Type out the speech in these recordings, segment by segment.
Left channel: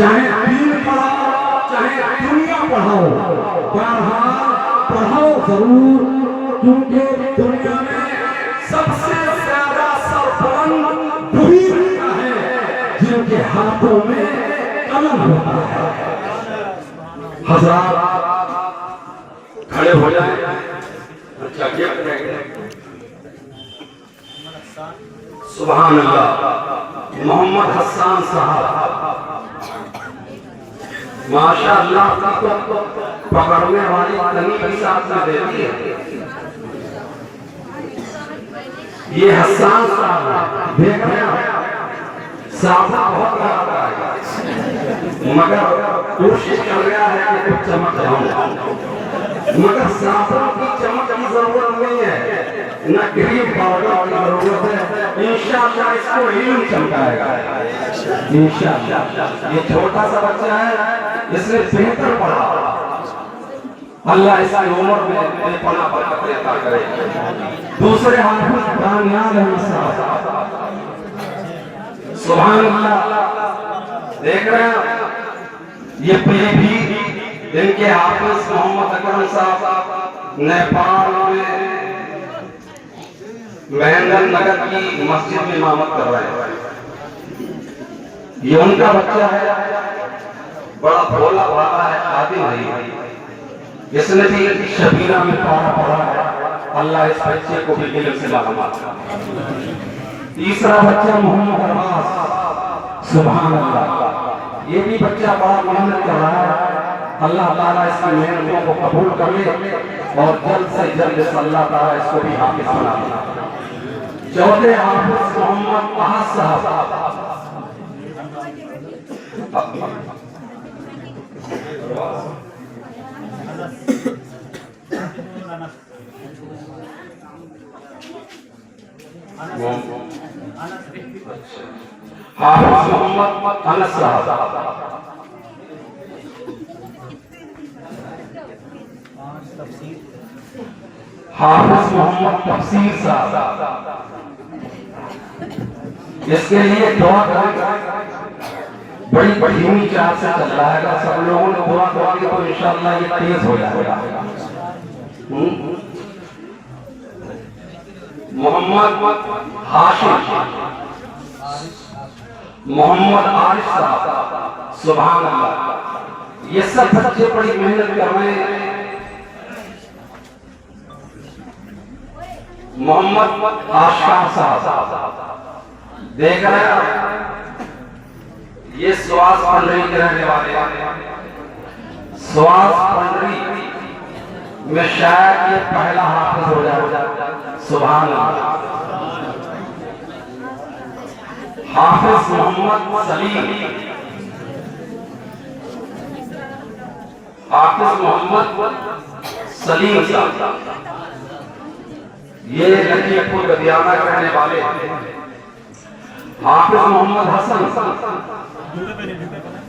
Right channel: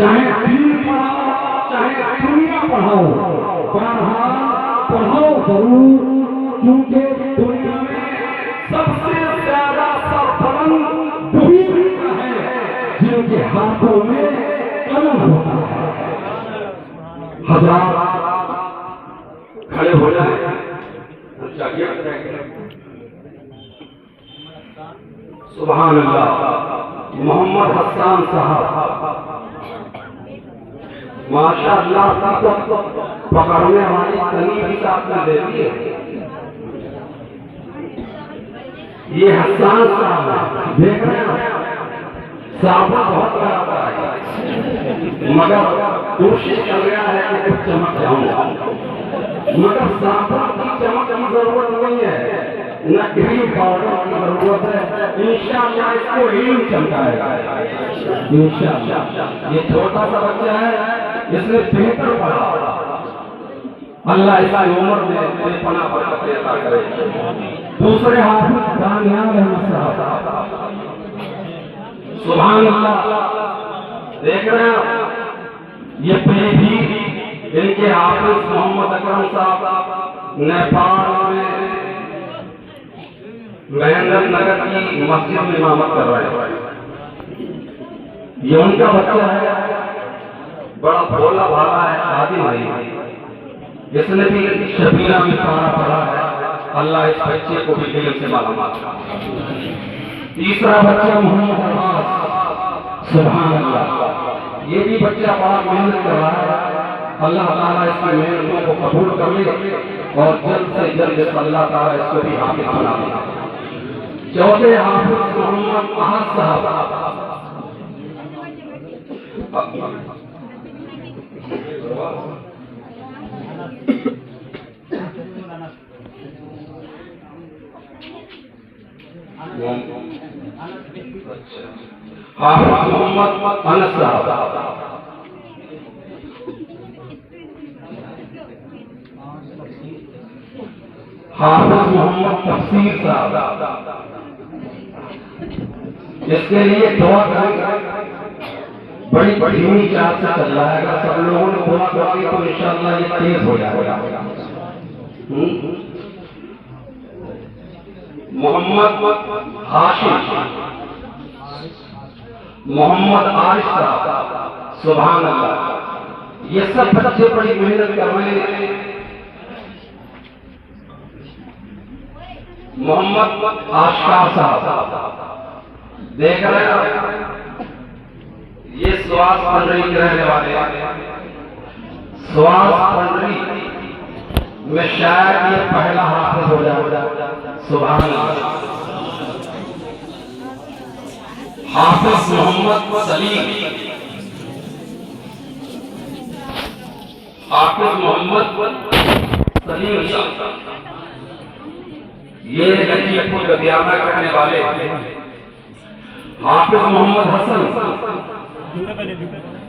चाहे दीन पढ़ाओ चाहे दुनिया पढ़ाओ, बहरहाल पढ़ाओ जरूर, क्योंकि दुनिया में सबसे ज्यादा सरबलंद वही रहता है जिनके हाथों में कलम होता है। हज़रात खड़े हो जाए। अच्छा क्या सुभान अल्लाह। मोहम्मद हसन साहब माशाअल्लाह तो पकड़ने वाली तनी साथ में देती है। ये हसन साहब देख रहे हैं, साफा बहुत खराब है, मगर कोशिश कर रहा है कि कुछ चमक जाऊंगा, मगर साफा की चमक की जरूरत नहीं है, न क्रीम पाउडर की जरूरत है। इंशाअल्लाह इसको इल्म चमकाएगा इंशाअल्लाह। ये छोटा सा बच्चा है, इसने बेहतर पढ़ा, अल्लाह इसकी उम्र में बेपनाह बरकत अता करे। दूसरे हाफिज बानियाल अहमद साहब सुभान अल्लाह देख रहे हैं, ये भी इनके हाफिज मोहम्मद अकरम साहब नेपाल में महेंद्र नगर की मस्जिद में इमामत कर रहे हैं। ये उनका बच्चा है, बड़ा भोला भाला है, आदि नहीं है, इसने भी शबीना में पारा पढ़ा है। अल्लाह इस बच्चे को भी इल्म से मालामाल करे। तीसरा बच्चा मोहम्मद अब्बास सुभान अल्लाह, ये भी बच्चा बड़ा मेहनत कर रहा है। अल्लाह ताला इसकी मेहनतों को कबूल कर ले और जल्द से जल्द अल्लाह ताला इसको भी हाफिज बना दे। चौथे हाफिज मोहम्मद अहद साहब हाफिज मोहम्मद अनस साहब हाफिज मोहम्मद तफसीर साहब। इसके लिए बहुत बड़ी बड़ी धीमी चाल से चल रहा है। सब लोगों ने दुआ करेंगे तो इंशाअल्लाह ये तेज हो जाएगा। मोहम्मद हाशिम मोहम्मद आरिफ साहब सुभान अल्लाह, ये सब बच्चे बड़ी मेहनत कर रहे हैं। मोहम्मद आशकार साहब देख रहे हैं, ये श्वास पंडरी के रहने वाले, श्वास पंडरी में शायद ये पहला हाफिज हो जाए। सुभान अल्लाह। हाफिज मोहम्मद सलीम, हाफिज मोहम्मद सलीम साहब, ये लखीमपुर गदियाना करने वाले। हाफिज मोहम्मद हसन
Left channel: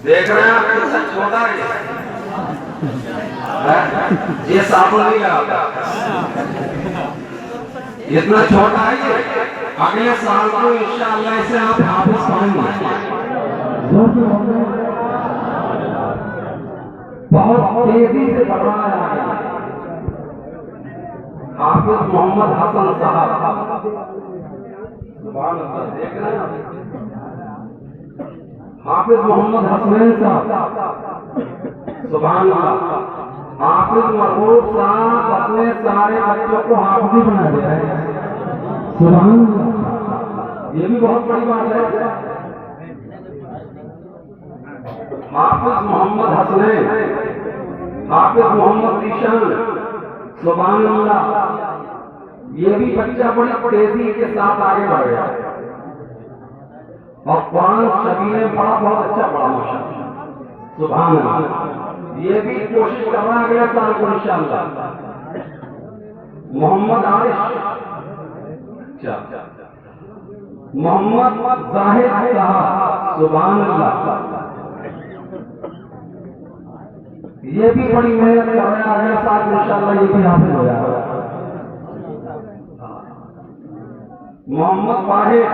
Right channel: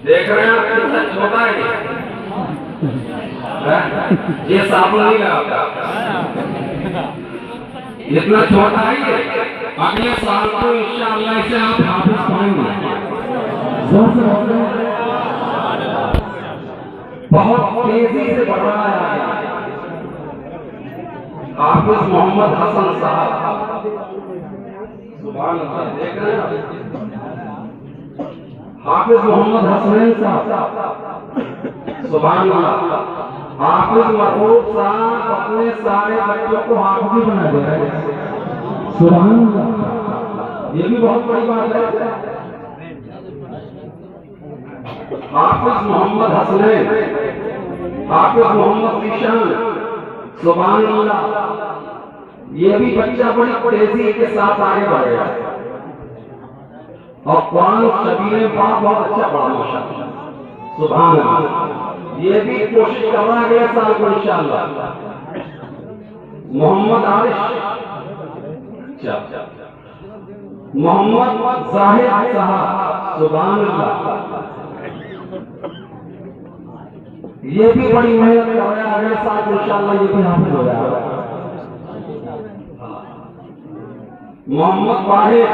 देख रहे हैं, कितना छोटा है ये, साबुन नहीं लगाता, इतना छोटा है ये। अगले साल को इंशाअल्लाह इसे आप हाफिज पाएंगे। बहुत तेजी से बढ़ रहा है हाफिज मोहम्मद हसन साहब। सुभान अल्लाह देख रहे हैं, हाफिज मोहम्मद हसनैन साहब सुभान अल्लाह। हाफिज महबूब साहब अपने सारे बच्चों को हाफिज बना दे रहे हैं। सुभान अल्लाह, ये भी बहुत बड़ी बात है। हाफिज मोहम्मद हसनैन, हाफिज मोहम्मद ईशान सुभान अल्लाह, ये भी बच्चा बड़ी तेजी के साथ आगे बढ़ गया और कुरान शबीर पढ़ा, बहुत अच्छा पढ़ा माशाअल्लाह। सुभान अल्लाह, ये भी कोशिश कर रहा है अगले साल को इंशाअल्लाह। मोहम्मद आरिश, मोहम्मद जाहिद साहब सुभान अल्लाह, ये भी बड़ी मेहनत कर रहे हैं। अगले साल इंशाअल्लाह ये भी हाफिज हो जाएगा। मोहम्मद वाहिद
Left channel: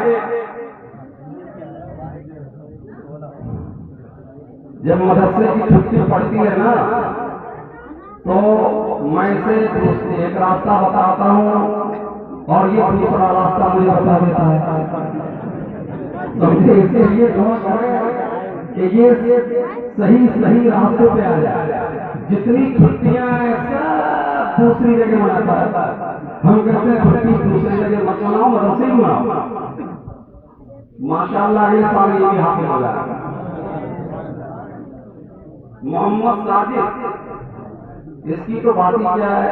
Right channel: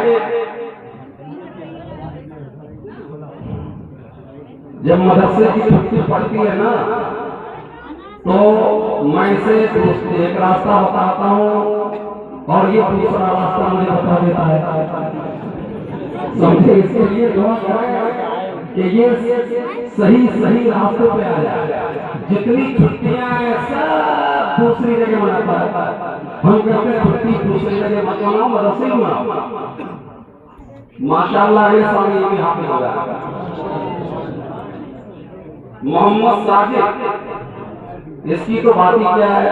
जब मदरसे की छुट्टी पड़ती है ना तो मैं से एक रास्ता बताता हूँ और ये दूसरा रास्ता मुझे बता देता है। समझे? इसके लिए दुआ करें कि ये सही सही रास्तों पे आ जाए। जितनी छुट्टियां हैं सब दूसरी जगह मनाता है। हम कहते हैं छुट्टी दूसरी जगह मत मनाओ, मदरसे में मनाओ। माशाअल्लाह ये साल ये भी हाफिज हो गया। मोहम्मद साजिद, इसकी तो बात ही क्या है,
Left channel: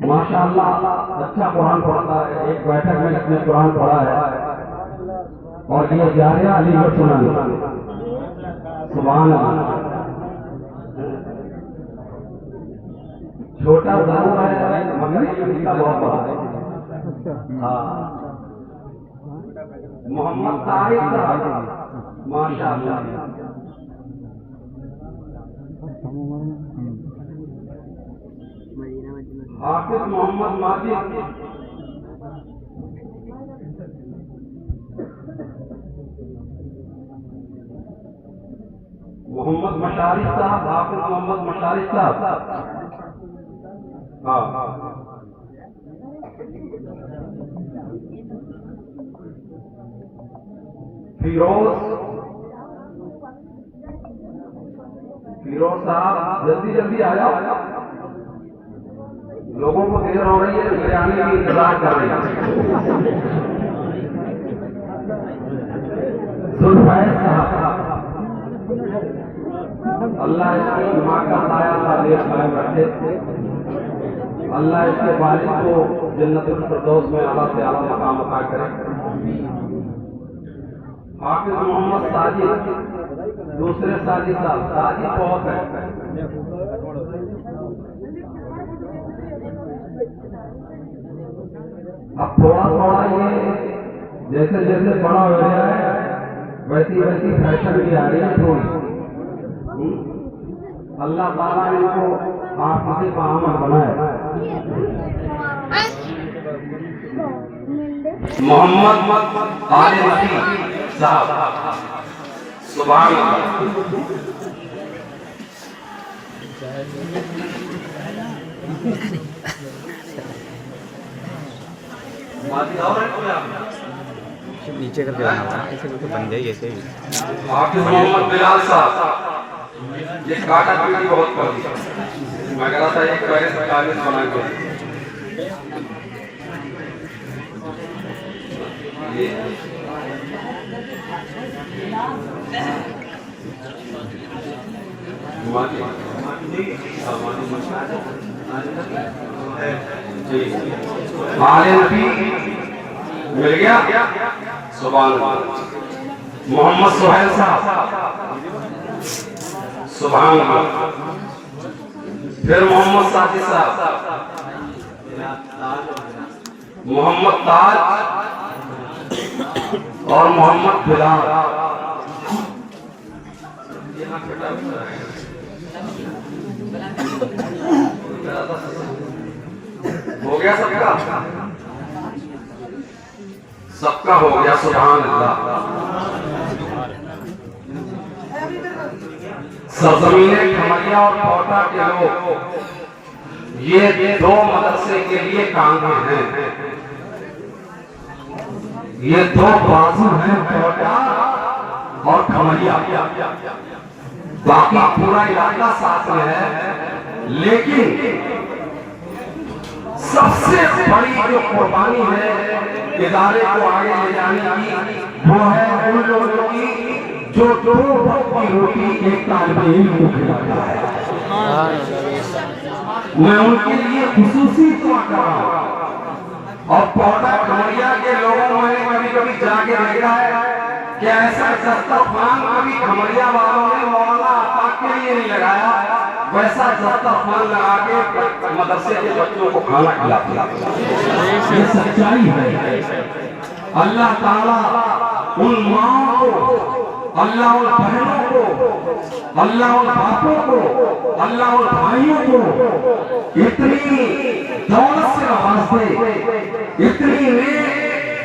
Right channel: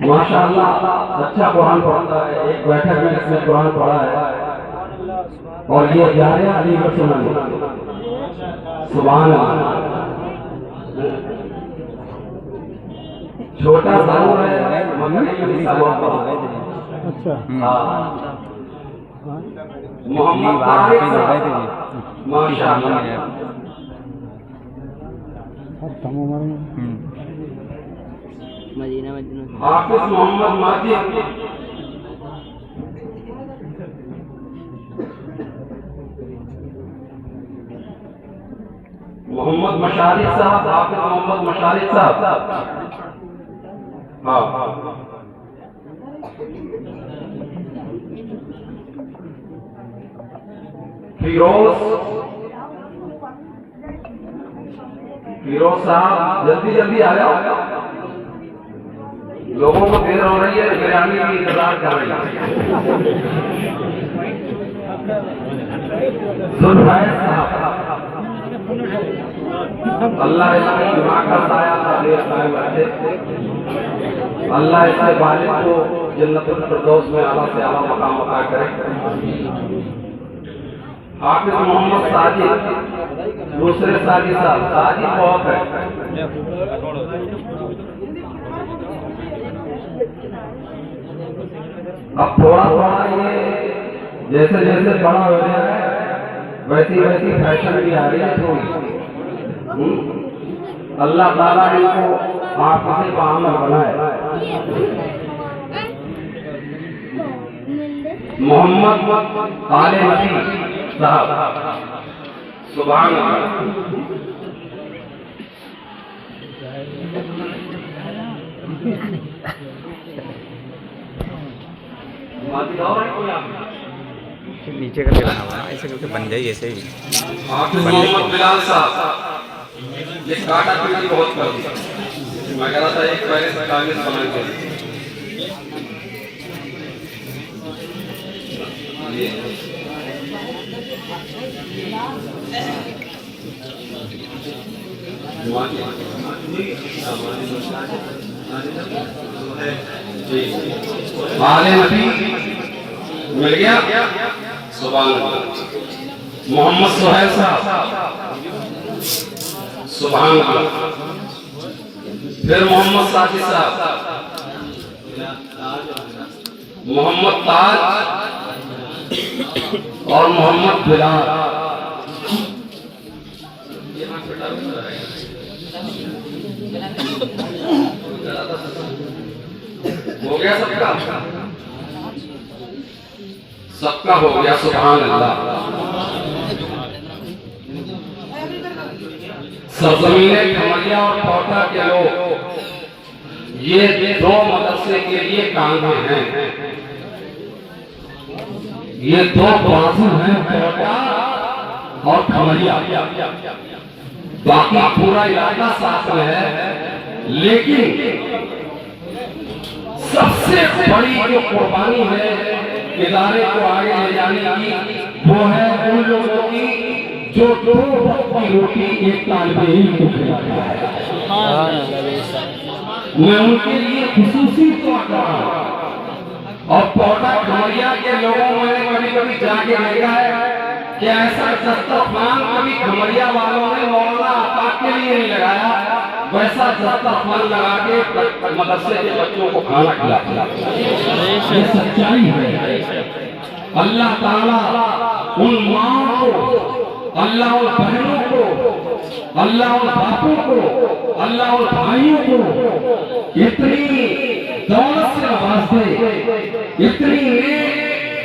माशाअल्लाह अच्छा कुरान पढ़ता है। एक बैठक में इसने कुरान पढ़ा है और ये जा रहा अलीगढ़ सुनाने। सुभान अल्लाह। छोटा जरूर है मगर मोहम्मद तारिक साहब माशाअल्लाह। हाफिज मोहम्मद माजिद, मोहम्मद मशारिक साहब, हाफिज मोहम्मद मशारिक साहब। हाँ फिरोज साहब जल्दी जल्दी आ जाओ, लोगों को देर हो रही है, बिरयानी की इंतजार कर रही है। सुलफैज साहब, अल्लाह इसके दिमाग का साया दे पाए बच्चे, अल्लाह इसके वालिद को जन्नतुल फिरदौस में आला से आला मकाम अता करे। हाफिज मोहम्मद साजिद, दूसरे साजिद साहब, साजिद बहुत है। अब थोड़ा थोड़ा ये जैसे जैसे बड़ा हो गया है वैसी वैसी फैशन भी आ रही है थोड़ी। अल्लाह ताला इनको आप किसी का आमल बनाए। मोहम्मद आले नबी साहब, सुभान अल्लाह। नीचे कर लेना होगा ऐसे करके बन जाए ऐसे ही। मोहम्मद बिलाल साहब, ये काटा पीटी बहुत पड़ती है। मैं कह रहा था एक पहले से कागज बना के आले नबी मिल गया। सुभान अल्लाह। मोहम्मद सुहैल साहब, सुभान अल्लाह। फिर मोहम्मद साजिद साहब, मोहम्मद ताज और मोहम्मद बिलाल। हो गया सबका, सबका हो गया। सुभान अल्लाह। सरजमीने खमरिया और कोटा के लोग ये दो मदरसे के लिए कांगे हैं। ये दो बाजू हैं, कोटा और खमरिया। बाकी पूरा इलाका साथ में है, लेकिन सबसे बड़ी जो कुर्बानी है इदारे को आगे ले जाने की वो है उन लोगों की जो दो वक्त की रोटी एक तालिबे इल्म को खिलाता है। मैं उनके लिए खुसूसी दुआ कर रहा हूं। और पौधा खमरिया के लोगों ने कभी कभी जाके देखा है कि ऐसा दस्तरखान कभी खमरिया वालों ने मौलाना आफाक के लिए नहीं लगाया, वैसा दस्तरखान लगा के मदरसे के बच्चों को खाना खिलाते। ये सच्चाई है। अल्लाह ताला उन माओ को, अल्लाह उन बहनों को, अल्लाह उन बापों को, अल्लाह उन भाइयों को इतनी दौलत से नवाज दे, इतनी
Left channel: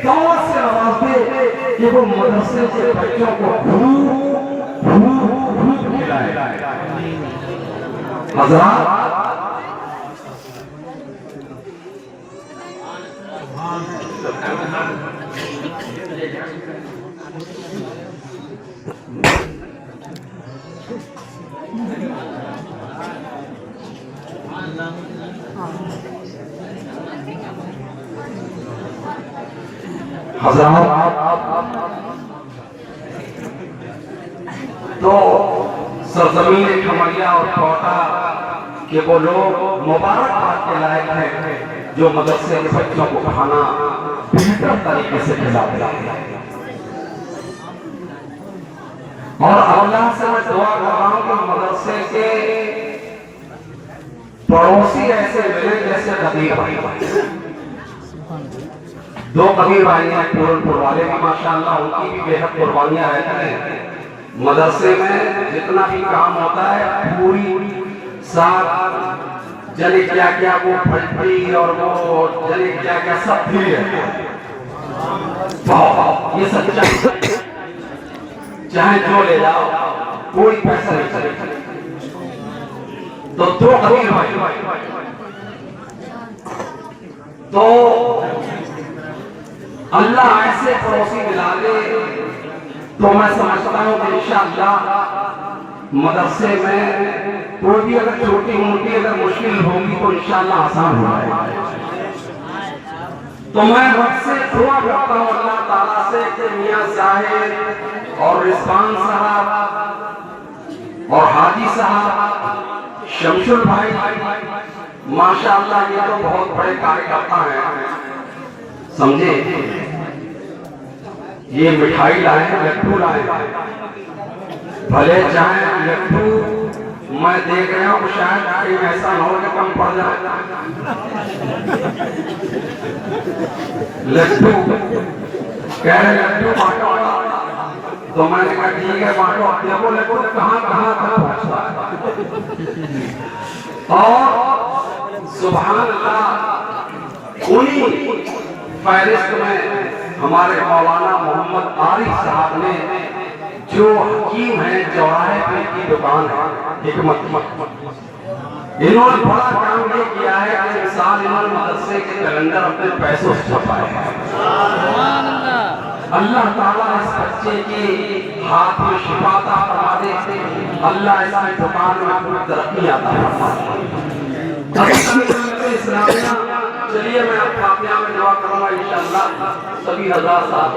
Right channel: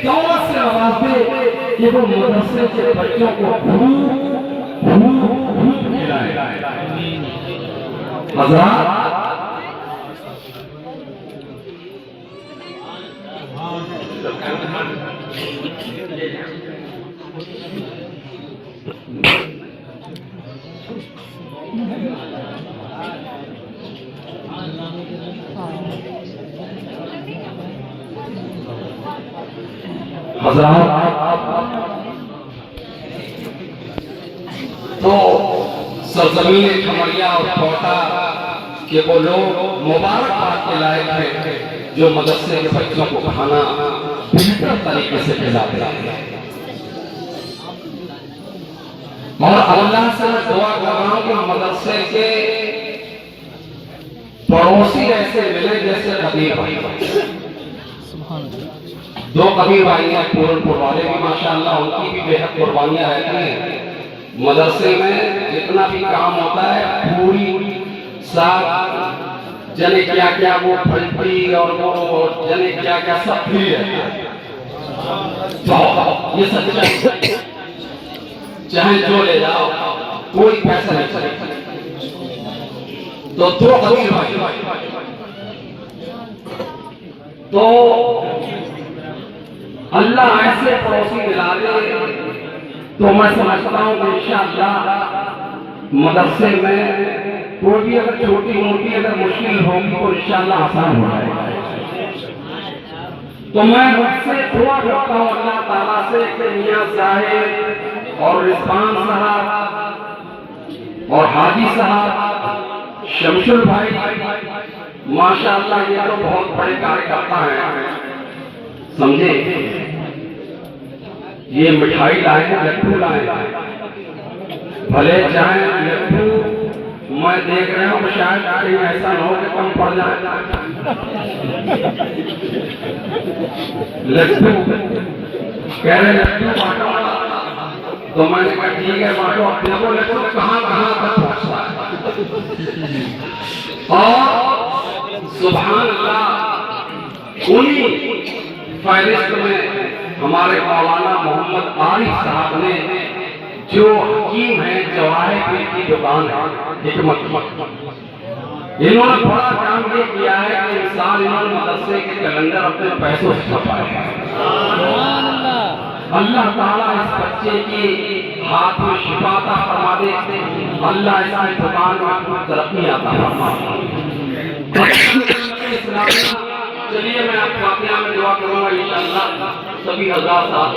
दौलत से नवाज दे कि वो मदरसे के बच्चों को खूब खिलाए। हज़रात, तो सरजमीन खमरिया और कोटा के वो लोग मुबारकबाद के लायक हैं जो मदरसे के बच्चों को खाना बेहतर तरीके से खिलाते हैं। और अल्लाह से मैं दुआ कर रहा हूं कि मदरसे के पड़ोसी ऐसे मिले जैसे कबीर भाई। दो कबीर भाई हैं पूरनपुर वाले भी, माशाअल्लाह उनकी भी बेहद कुर्बानियां रहती हैं। मदरसे में जितना भी काम होता है पूरी साथ जने क्या क्या वो फलफली और वो जने क्या क्या सब फ्री रहता है। ये सच्चाई, चाहे जो ले जाओ कोई पैसा नहीं चलेगा। तो दो कबीर भाई, तो अल्लाह ऐसे पड़ोसी मिला दे तो मैं समझता हूँ कि इंशाअल्लाह मदरसे में कोई भी अगर छोटी मोटी अगर मुश्किल होगी तो इंशाअल्लाह आसान हो जाएगा। तो मैं रब से दुआ करता हूँ अल्लाह ताला से कि मियां साहिब और रिजवान साहब और हाजी साहब, शमशुल भाई, माशाअल्लाह ये तो बहुत बड़े कार्यकर्ता हैं, समझे। ये मिठाई लाए हैं, लड्डू लाए हैं, भले चाहे लड्डू मैं देख रहा हूँ शायद कहीं ऐसा ना हो कि कम पड़ जाए। लड्डू कह रहे लड्डू बांटो, तो मैंने कहा ठीक है बांटो। अपने को लड्डू कहाँ कहाँ तक पहुँचता है। और सुभान अल्लाह, उन्हीं फहरिस्त में हमारे मौलाना मोहम्मद आरिफ साहब ने जो हकीम है चौराहे पे की दुकान है हिकमत, इन्होंने बड़ा काम ये किया है कि इंसान इन्होंने मदरसे के कैलेंडर अपने पैसों से छपाए हैं। अल्लाह ताला इस बच्चे के हाथ में शिफा अता फरमा दे, अल्लाह इसकी दुकान में तरक्की अता फरमा दे। चलिए मैं आप काफिया में दुआ करूंगा इंशाअल्लाह। सभी हज़रात साहब